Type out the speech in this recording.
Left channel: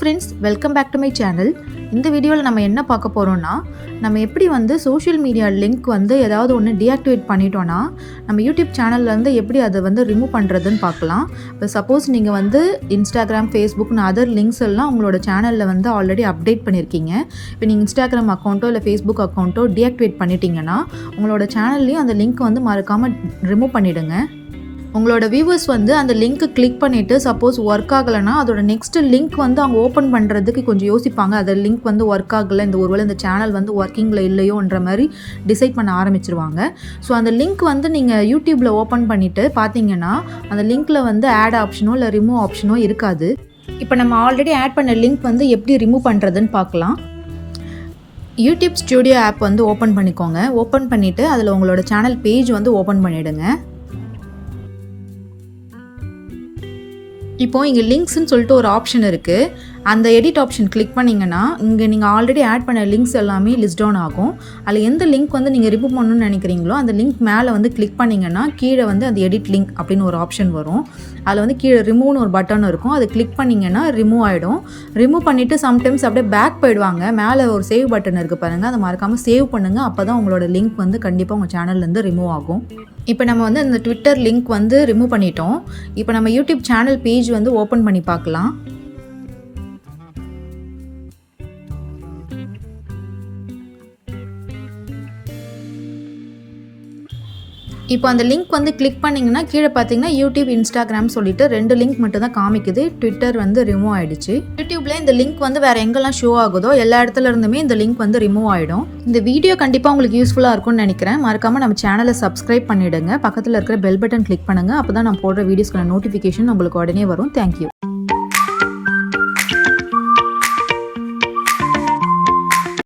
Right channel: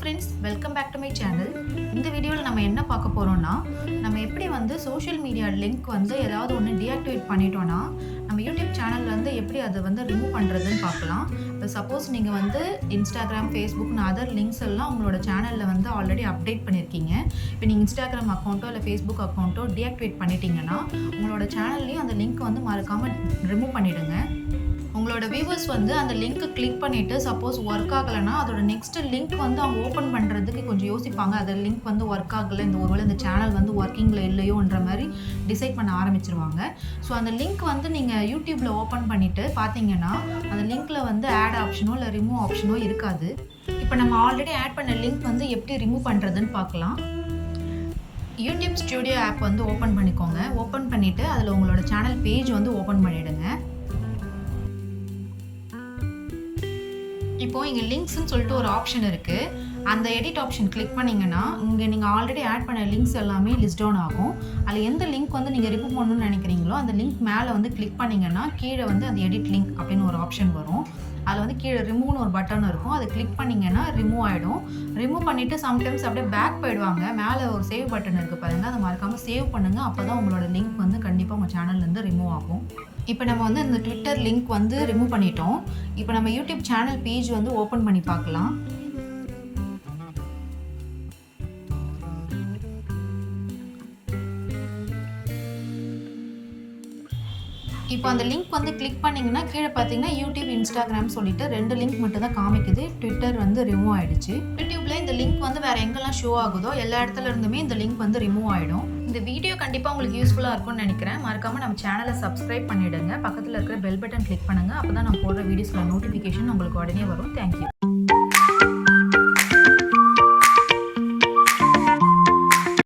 friends, welcome back to my channel. இந்த வீடியோவில் நம்ம என்ன பார்க்க போகிறோம்னா, நம்ம எப்படி வந்து சோஷியல் மீடியா லிங்க் வந்து ஏதாவது ஒன்று டீஆக்டிவேட் பண்ணிட்டோன்னா நம்ம யூடியூப் சேனல்லேருந்து எப்படி அதை வந்து ரிமூவ் பண்ணுறதுன்னு பார்க்கலாம். இப்போ சப்போஸ் நீங்கள் வந்து இன்ஸ்டாகிராம், ஃபேஸ்புக்னு அதர் லிங்க்ஸ் எல்லாம் உங்களோட சேனலில் வந்து ஆல்ரெடி அப்டேட் பண்ணியிருக்கீங்க. இப்போ நீங்கள் இன்ஸ்டாகிராம் அக்கௌண்ட்டோ இல்லை ஃபேஸ்புக் அக்கௌண்ட்டோ டீஆக்டிவேட் பண்ணிட்டீங்கன்னா உங்களோட சேனல்லையும் அந்த லிங்க் வந்து மறக்காமல் ரிமூவ் பண்ணிவிடுங்க. உங்களோட வியூவர்ஸ் வந்து அந்த லிங்க்கு கிளிக் பண்ணிவிட்டு சப்போஸ் ஒர்க் ஆகலைன்னா அதோட நெக்ஸ்ட் லிங்க் வந்து அவங்க ஓப்பன் பண்ணுறதுக்கு கொஞ்சம் யோசிப்பாங்க. அந்த லிங்க் வந்து ஒர்க் ஆகலை, ஒருவேளை இந்த சேனல் வந்து ஒர்க்கிங்கில் இல்லையோன்ற மாதிரி டிசைட் பண்ண ஆரம்பிச்சிருவாங்க. ஸோ அந்த லிங்க் வந்து நீங்கள் யூடியூப்பில் ஓப்பன் பண்ணிவிட்டு பார்த்தீங்கன்னா அந்த லிங்க்கில் வந்து ஆட் ஆப்ஷனோ இல்லை ரிமூவ் ஆப்ஷனோ இருக்காது. இப்போ நம்ம ஆல்ரெடி ஆட் பண்ண லிங்க் வந்து எப்படி ரிமூவ் பண்ணுறதுன்னு பார்க்கலாம். யூடியூப் ஸ்டுடியோ ஆப் வந்து ஓப்பன் பண்ணிக்கோங்க. ஓப்பன் பண்ணிவிட்டு அதில் உங்களோட சேனல் பேஜ் வந்து ஓப்பன் பண்ணிவிடுங்க. இப்போது இங்கே லிங்க்ஸ்ன்னு சொல்லிட்டு ஒரு ஆப்ஷன் இருக்குது. அந்த எடிட் ஆப்ஷன் கிளிக் பண்ணிங்கன்னா இங்கே நீங்கள் ஆல்ரெடி ஆட் பண்ண லிங்க்ஸ் எல்லாமே லிஸ்ட் டவுன் ஆகும். அதில் எந்த லிங்க் வந்து நீங்கள் ரிமூவ் பண்ணணும்னு நினைக்கிறீங்களோ அந்த லிங்க் மேலே வந்து கிளிக் பண்ணிங்கன்னா கீழே வந்து அந்த எடிட் லிங்க் அப்படின்னு ஒரு ஆப்ஷன் வரும். அதில் வந்து கீழே ரிமூவ்னு ஒரு பட்டன் இருக்கும். அது கிளிக் பண்ணிங்கன்னா ரிமூவ் ஆகிடும். ரிமூவ் பண்ணிவிட்டு சம்டைம்ஸ் அப்படியே பேக் போயிடுவாங்க. மேலே ஒரு சேவ் பட்டன் இருக்குது பாருங்கள், அதை மறக்காமல் சேவ் பண்ணுங்கள். அப்போ தான் உங்களோட லிங்க் வந்து கண்டிப்பாக உங்கள் சேனல்லேருந்து ரிமூவ் ஆகும். இப்போ நம்ம வந்து இந்த ட்விட்டர் லிங்க் வந்து ரிமூவ் பண்ணிட்டோம். இப்போ நம்ம யூடியூப் சேனல் பேஜ் வந்து ஓப்பன் பண்ணி பார்க்கலாம். இப்போ அந்த லிங்க் வந்து கிளிக் பண்ணிங்கன்னா கீழே பார்த்தீங்கன்னா யூடியூப், இன்ஸ்டாகிராம் சொல்லிட்டு 2 லிங்க் மட்டும் தான் காமிக்குது. ட்விட்டர் வந்து ரிமூவ் ஆகிடுச்சு. யூடியூப்பில் இந்த லிங்க் வந்து வேறு எங்கெல்லாம் ஷோ ஆகுதோ எல்லா இடத்துல இருந்துமே இந்த லிங்க் வந்து ரிமூவ் ஆகிடும். இந்த வீடியோ கண்டிப்பாக உங்களுக்கு யூஸ்ஃபுல்லாக இருக்கும்னு நினைக்கிறேன். மறக்காமல் நம்ம சேனலை சப்ஸ்கிரைப் பண்ணிவிடுங்க. பக்கத்தில் இருக்கிற பெல் பட்டன் கிளிக் பண்ணுங்கள். அப்போ தான் நான் போடுற வீடியோஸ்க்கான நோட்டிஃபிகேஷன் உங்களுக்கு உடனே வரும். தேங்க்யூ.